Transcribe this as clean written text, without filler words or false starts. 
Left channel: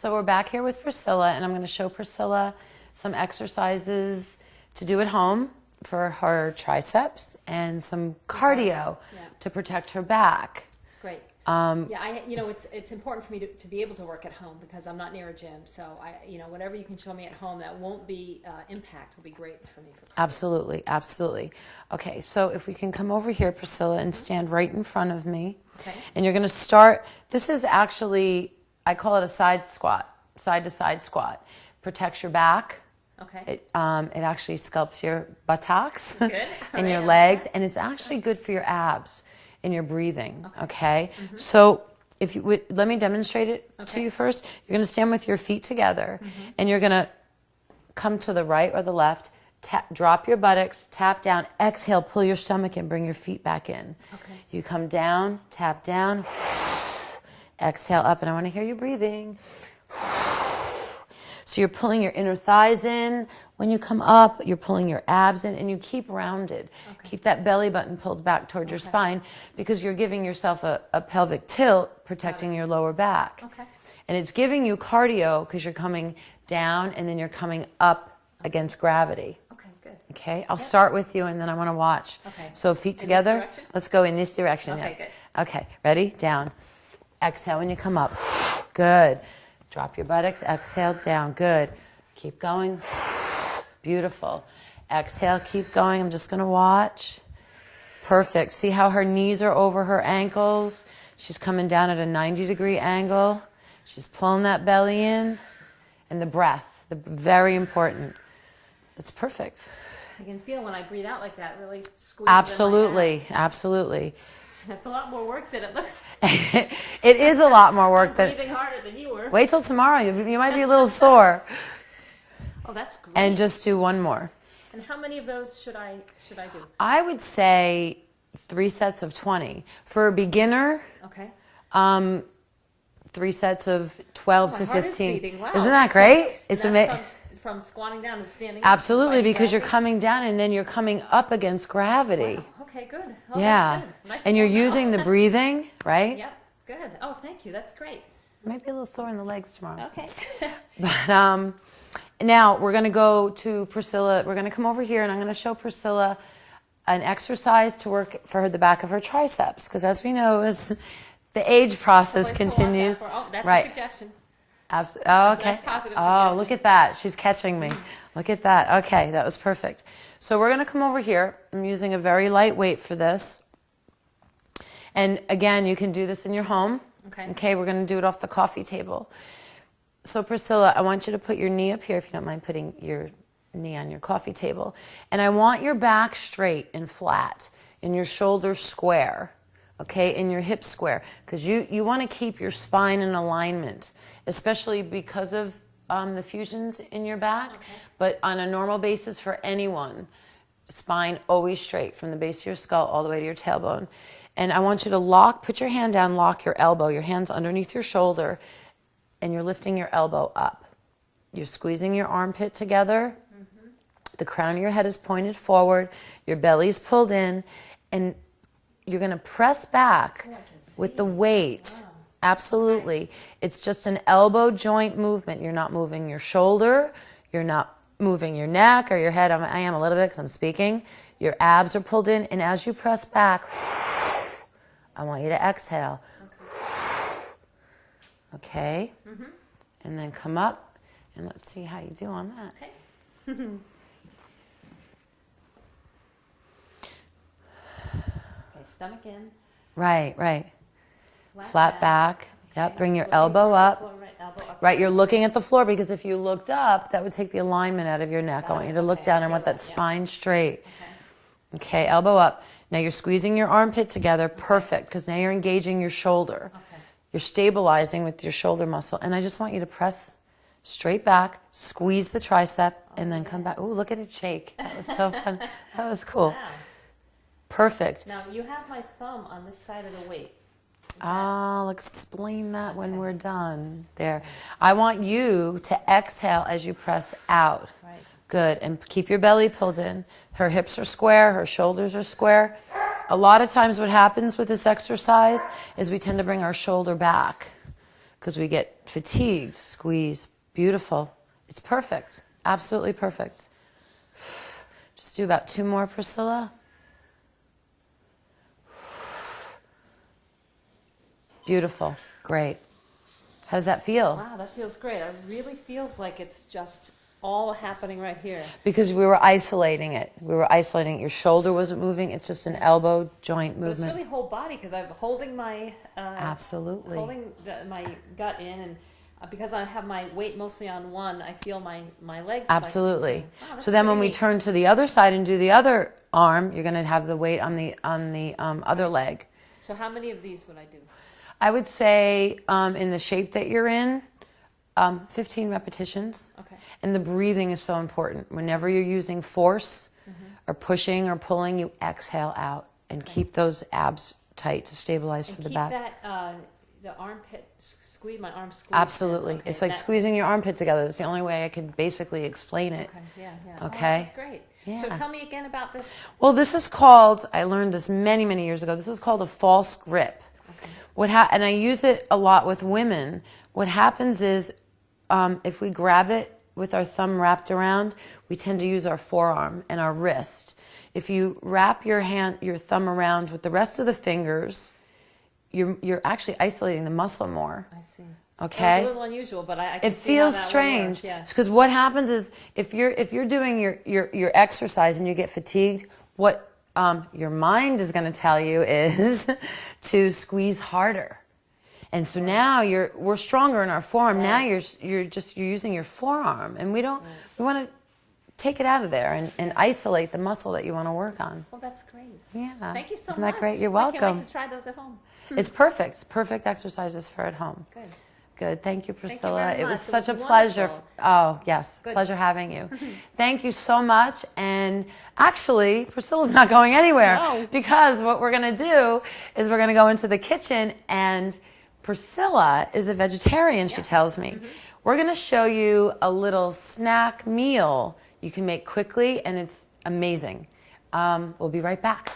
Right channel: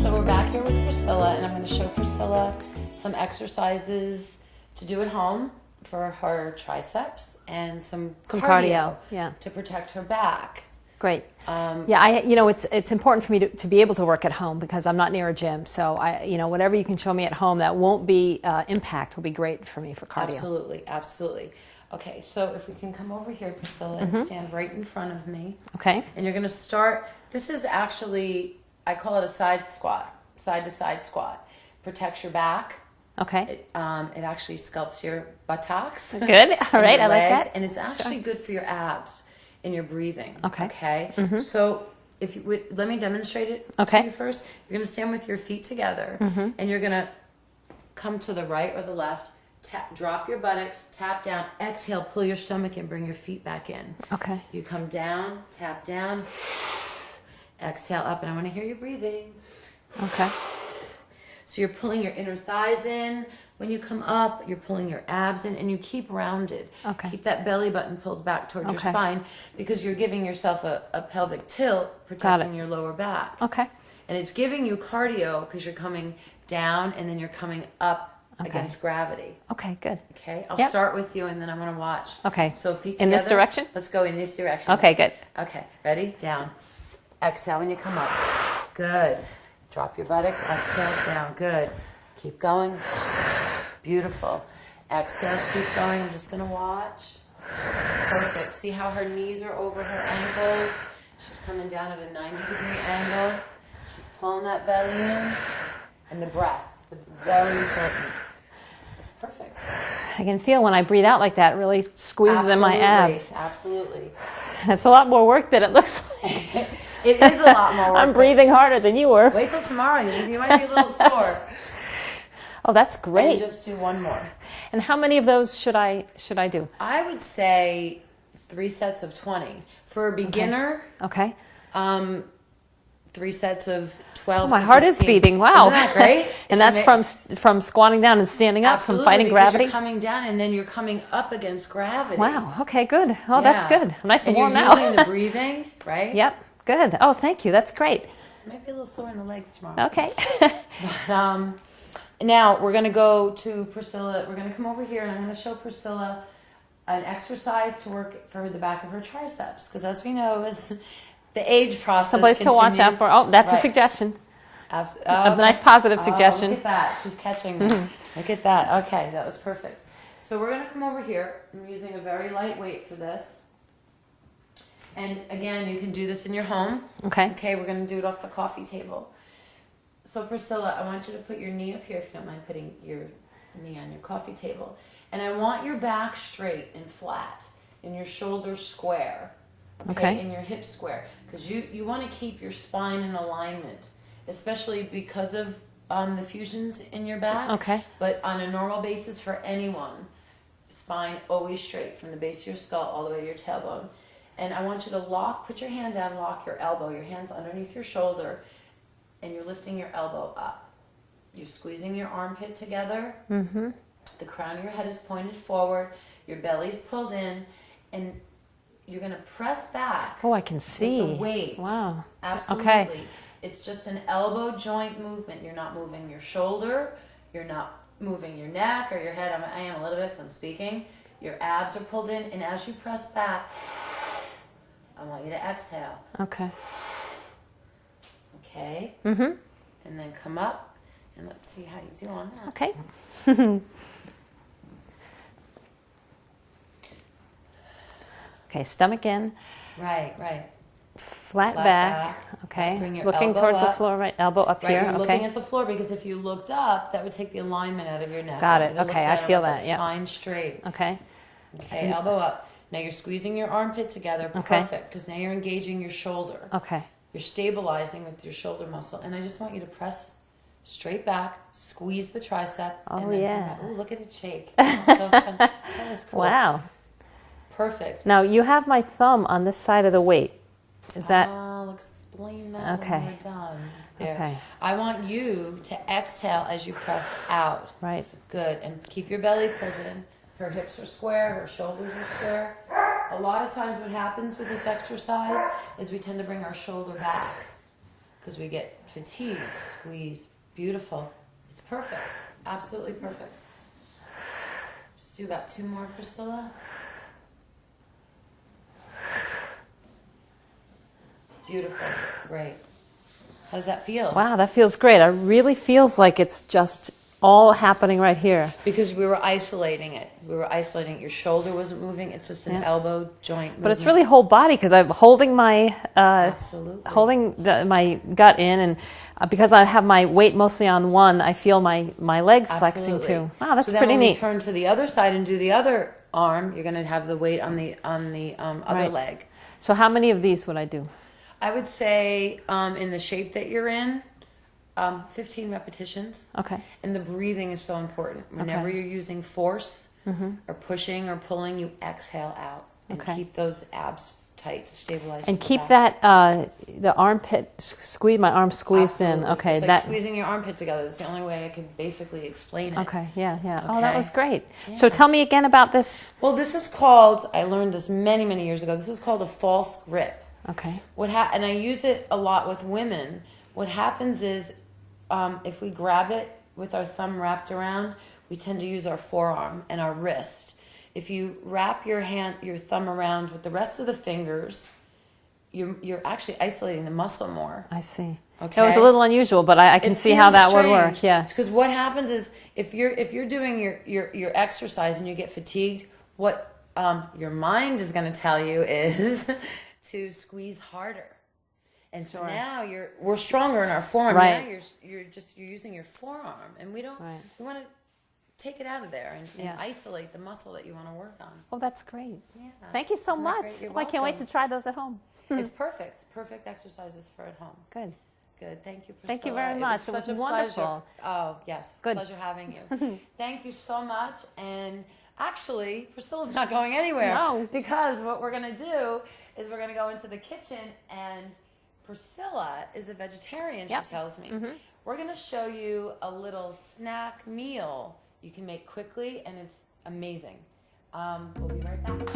So we're back here with Priscilla, and I'm going to show Priscilla some exercises to do at home for her triceps and some cardio to protect her back. Great. It's important for me to be able to work at home because I'm not near a gym. So whatever you can show me at home that won't be impact will be great for me for cardio. Absolutely, absolutely. Okay, so if we can come over here, Priscilla, and stand right in front of me. Okay. And you're going to start. This is actually, I call it a side squat, side to side squat. Protects your back. Okay. It actually sculpts your buttocks. Good. All and right. your I legs, like that. and it's actually good for your abs and your breathing. Okay. Okay. So if you would, let me demonstrate it Okay. to you first. You're going to stand with your feet together, and you're going to come to the right or the left. Drop your buttocks, tap down, exhale, pull your stomach in, bring your feet back in. Okay. You come down, tap down, exhale up, and I want to hear you breathing. Okay. So you're pulling your inner thighs in. When you come up, you're pulling your abs in, and you keep rounded. Okay. Keep that belly button pulled back towards your spine because you're giving yourself a pelvic tilt, protecting your lower back. Okay. And it's giving you cardio because you're coming down and then you're coming up against gravity. Okay, good. Okay, I'll start with you and then I want to watch. Okay. So feet In together. this direction? Let's go in this direction. Okay, next. good. Okay, ready? Down. Exhale when you come up. Good. Drop your buttocks. Exhale, down. Good. Keep going. Beautiful. Exhale, keep going. I'm just going to watch. Perfect. See how her knees are over her ankles? She's coming down at a 90-degree angle. She's pulling that belly in. And the breath, very important. It's perfect. I can feel when I breathe out like that, it really squeezes in my abs. Absolutely. It's a lot more work than it looks like. It is a lot more work. I'm breathing harder than you were. Wait till tomorrow. You might be a little sore. Oh, that's great. And just do one more. And how many of those should I do? I would say 3 sets of 20. For a beginner, Okay. 3 sets of 12 My to heart 15. is beating. Wow. Isn't that great? And that's from squatting down and standing up, Absolutely, from fighting because gravity? you're coming down and then you're coming up against gravity. Wow. Okay, good. Oh, that's good. I'm nice and you're warm now. using the breathing, right? Yep. Good. Oh, thank you. That's great. Might be a little sore in the legs tomorrow. Okay. But now we're going to go to Priscilla. We're going to come over here and I'm going to show Priscilla an exercise to work for the back of her triceps. Because as we know, as the age process Someplace continues. to watch out for. Oh, that's Right. a suggestion. A nice positive suggestion. Look at that. She's catching me. Look at that. Okay, that was perfect. So we're going to come over here. I'm using a very light weight for this. And again, you can do this in your home. Okay. Okay, we're going to do it off the coffee table. So Priscilla, I want you to put your knee up here, if you don't mind putting your knee on your coffee table. And I want your back straight and flat and your shoulders square. Okay, and your hips square. Because you want to keep your spine in alignment, especially because of the fusions in your back. Okay. But on a normal basis for anyone, spine always straight from the base of your skull all the way to your tailbone. And I want you to put your hand down, lock your elbow. Your hand's underneath your shoulder, and you're lifting your elbow up. You're squeezing your armpit together. Mm-hmm. The crown of your head is pointed forward. Your belly's pulled in, and you're going to press back. Oh, I can see. With the weight. Wow. Absolutely. Okay. It's just an elbow joint movement. You're not moving your shoulder. You're not moving your neck or your head. I am a little bit because I'm speaking. Your abs are pulled in, and as you press back, I want you to exhale. Okay. Okay? Mm-hmm. And then come up, and let's see how you do on that. Okay. Okay, stomach in. Right. Flat back. Okay. Bring your looking elbow towards up. the floor, right? Elbow up Right, here. you're looking at the floor because if you looked up, that would take the alignment out of your neck. Got I it. want you to Okay, look down I feel and want that, that yep. spine straight. Okay. Okay, elbow up. Now you're squeezing your armpit together. Perfect, because now you're engaging your shoulder. Okay. You're stabilizing with your shoulder muscle. And I just want you to press straight back, squeeze the tricep, and then come back. Oh, look at it shake. That was so fun. That was cool. Wow. Perfect. Now, you have my thumb on this side of the weight. Is that... I'll explain that Okay. when we're done. There. Okay. I want you to exhale as you press out. Right. Good. And keep your belly pulled in. Her hips are square. Her shoulders are square. A lot of times what happens with this exercise is we tend to bring our shoulder back because we get fatigued. Squeeze. Beautiful. It's perfect. Absolutely perfect. Just do about 2 more, Priscilla. Beautiful. Great. How does that feel? Wow, that feels great. It really feels like it's just all happening right here. Because we were isolating it. We were isolating it. Your shoulder wasn't moving. It's just an elbow joint movement. But it's really whole body, because I'm holding my Absolutely. holding my gut in, and because I have my weight mostly on one, I feel my leg flexing Absolutely. too. Wow, that's so then pretty when neat. we turn to the other side and do the other arm, you're going to have the weight on the other leg. So how many of these would I do? I would say in the shape that you're in, 15 repetitions. Okay. And the breathing is so important. Whenever you're using force or pushing or pulling, you exhale out and keep those abs tight to stabilize. And from keep the back. that the armpit squeeze, my arm squeezed Absolutely. in. Okay, It's like squeezing your armpit together. That's the only way I could basically explain it. Okay, yeah. Oh, Okay. that was great. So tell me again about this. Well, this is called, I learned this many, many years ago, this is called a false grip. Okay. And I use it a lot with women. What happens is if we grab it with our thumb wrapped around, we tend to use our forearm and our wrist. If you wrap your thumb around with the rest of the fingers, you're actually isolating the muscle more. I see. Okay. That was a little unusual, but I can see how that would work. Yeah. Because what happens is if you're doing your exercise and you get fatigued, what your mind is going to tell you is to squeeze harder. And so now we're stronger in our forearm. Right. Now you're using your forearm, and we want to take it out of there and isolate the muscle that you want to work on. Well, that's great. Yeah. Thank you so Isn't much. that great? You're I welcome. can't wait to try those at home. It's perfect. Perfect exercises for at home. Good. Good. Thank you, Priscilla. Thank you very It was much. such It a was pleasure. wonderful. Oh, yes. Good. Pleasure having you. Thank you so much. And actually, Priscilla's not going anywhere No. because what we're going to do is we're going to go into the kitchen, and Priscilla is a vegetarian, she tells me. We're going to show you a little snack meal you can make quickly, and it's amazing. We'll be right back.